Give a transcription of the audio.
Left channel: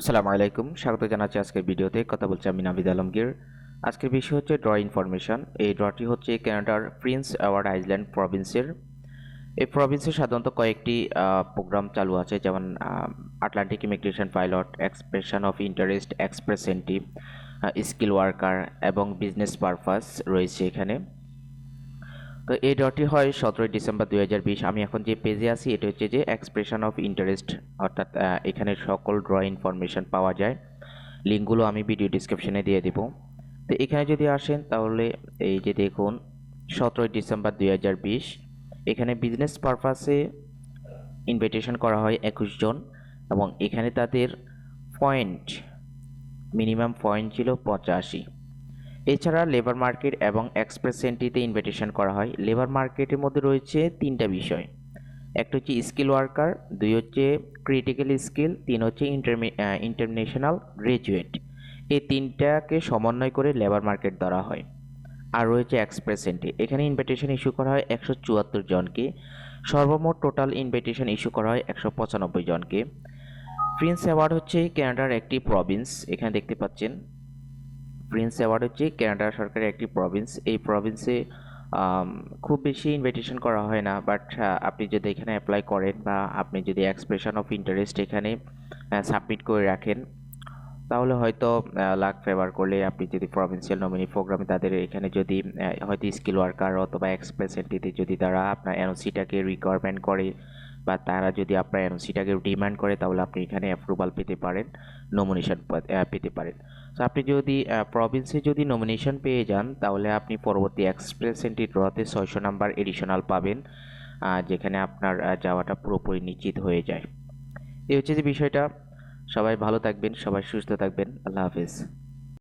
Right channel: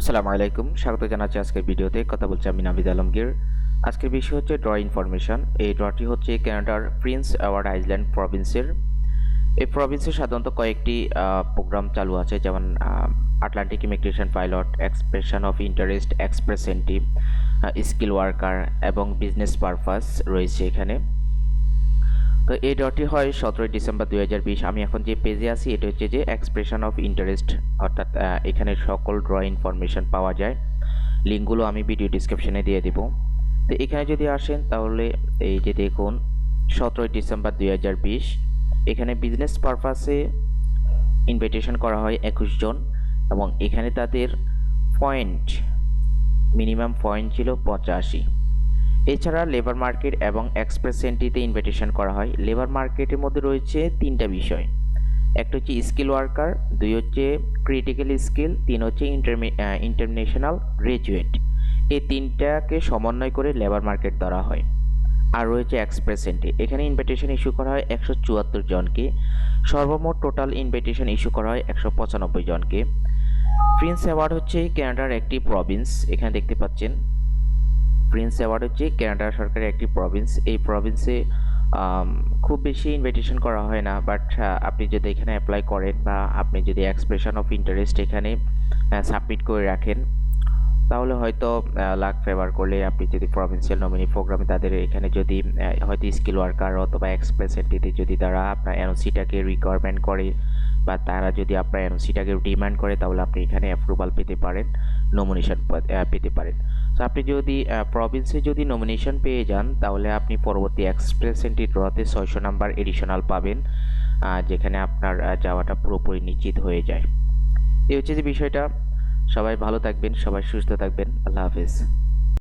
আসসালামু আলাইকুম, স্বাগত জানাচ্ছি আজকের ভিডিওতে। কথা বলছি আমি নাভিদ আলমগীর। আজকের বিষয় হচ্ছে ড্র ইনফরমেশন। এই ড্রটি হচ্ছে কানাডার প্রিন্স এডওয়ার্ড আইল্যান্ড প্রভিন্সের। এই প্রভিন্সে সাধারণত কয়েকটি প্রোগ্রাম চালু আছে, যেমন Atlantic immigration pilot, expression of interest, express entry, skill worker এবং বিজনেস পারপাস রয়েছে এখানে। তো এই ড্রটি হয় 17 ডিসেম্বর 2020। আমি এখন যে পেজে আছি এটা হচ্ছে যে এক্সপ্রেশন অফ ইন্টারেস্ট, অর্থাৎ এখানে সকল ড্র ইনফরমেশন পাওয়া যায়। লিঙ্কগুলো আমি ভিডিও ডিসক্রিপশনে দিয়ে দিব। তো এখানে যদি আসেন তাহলে এই যে দেখুন 17 ডিসেম্বর 2020 এখানে বিজনেস পারপাসে ইনভাইটেশন করা হয় 21 জন, এবং এখানে তাদের পয়েন্ট, মিনিমাম পয়েন্ট ছিল 85। এছাড়া লেবার মার্কেট এবং এক্সপ্রেস এন্ট্রিতে ইনভাইটেশন করা হয়। লেবার মার্কেটের মধ্যে রয়েছে তিনটা বিষয়, একটা হচ্ছে স্কিল ওয়ার্কার, দুই হচ্ছে ক্রিটিক্যাল স্কিল, তিন হচ্ছে ইন্টারন্যাশনাল গ্রাজুয়েট। এই তিনটাকে সমন্বয় করে লেবার মার্কেট ধরা হয়। আর রয়েছে এক্সপ্রেস এন্ট্রি, এখানে ইনভাইটেশন ইস্যু করা হয় 174 জনকে। সর্বমোট টোটাল ইনভাইটেশন ইস্যু করা হয় 195 জনকে। প্রিন্স অ্যাওয়ার্ড হচ্ছে কানাডার একটি প্রভিন্স, এখানে দেখতে পাচ্ছেন প্রিন্স অ্যাওয়ার্ড হচ্ছে কানাডা সরকারের একটি প্রভিন্স। এই প্রভিন্সে খুব বেশি ইনভাইটেশন করা হয় না, বাট আপনি যদি এখানে অ্যাপ্লাই করেন বা আপনি যদি এক্সপ্রেশন অফ ইন্টারেস্ট এখানে সাবমিট করে রাখেন, তাহলে হয়তো লাক ফেভার করলে আপনি যদি প্রভিন্সিয়াল নমিনি প্রোগ্রামে তাদের এখানে যদি হয়তো স্কিল ওয়ার্কার অথবা এক্সপ্রেস এন্ট্রিতে যদি তারা আপনার এনওসিটাকে রিকোয়ারমেন্ট করে বা তারা যদি আপনার এনওসিটাকে ডিমান্ড করে, তাহলে আপনি এখানে অ্যাপ্রুভাল পেতে পারেন, নমিনেশন পেতে পারেন। তো আপনি যদি প্রভিন্সে যদি নমিনেশন পেয়ে যান, তাহলে আপনি পরবর্তী এক্সপ্রেস এন্ট্রি ড্রতে 600 নাম্বার এডিশনাল পাবেন, যেখানে আপনার যাওয়াটা পুরোপুরি নিশ্চিত হয়ে যায়। এই হচ্ছে যে বিষয়টা। সবাই ভালো থাকবেন, সবাই সুস্থ থাকবেন। আল্লাহ হাফেজ।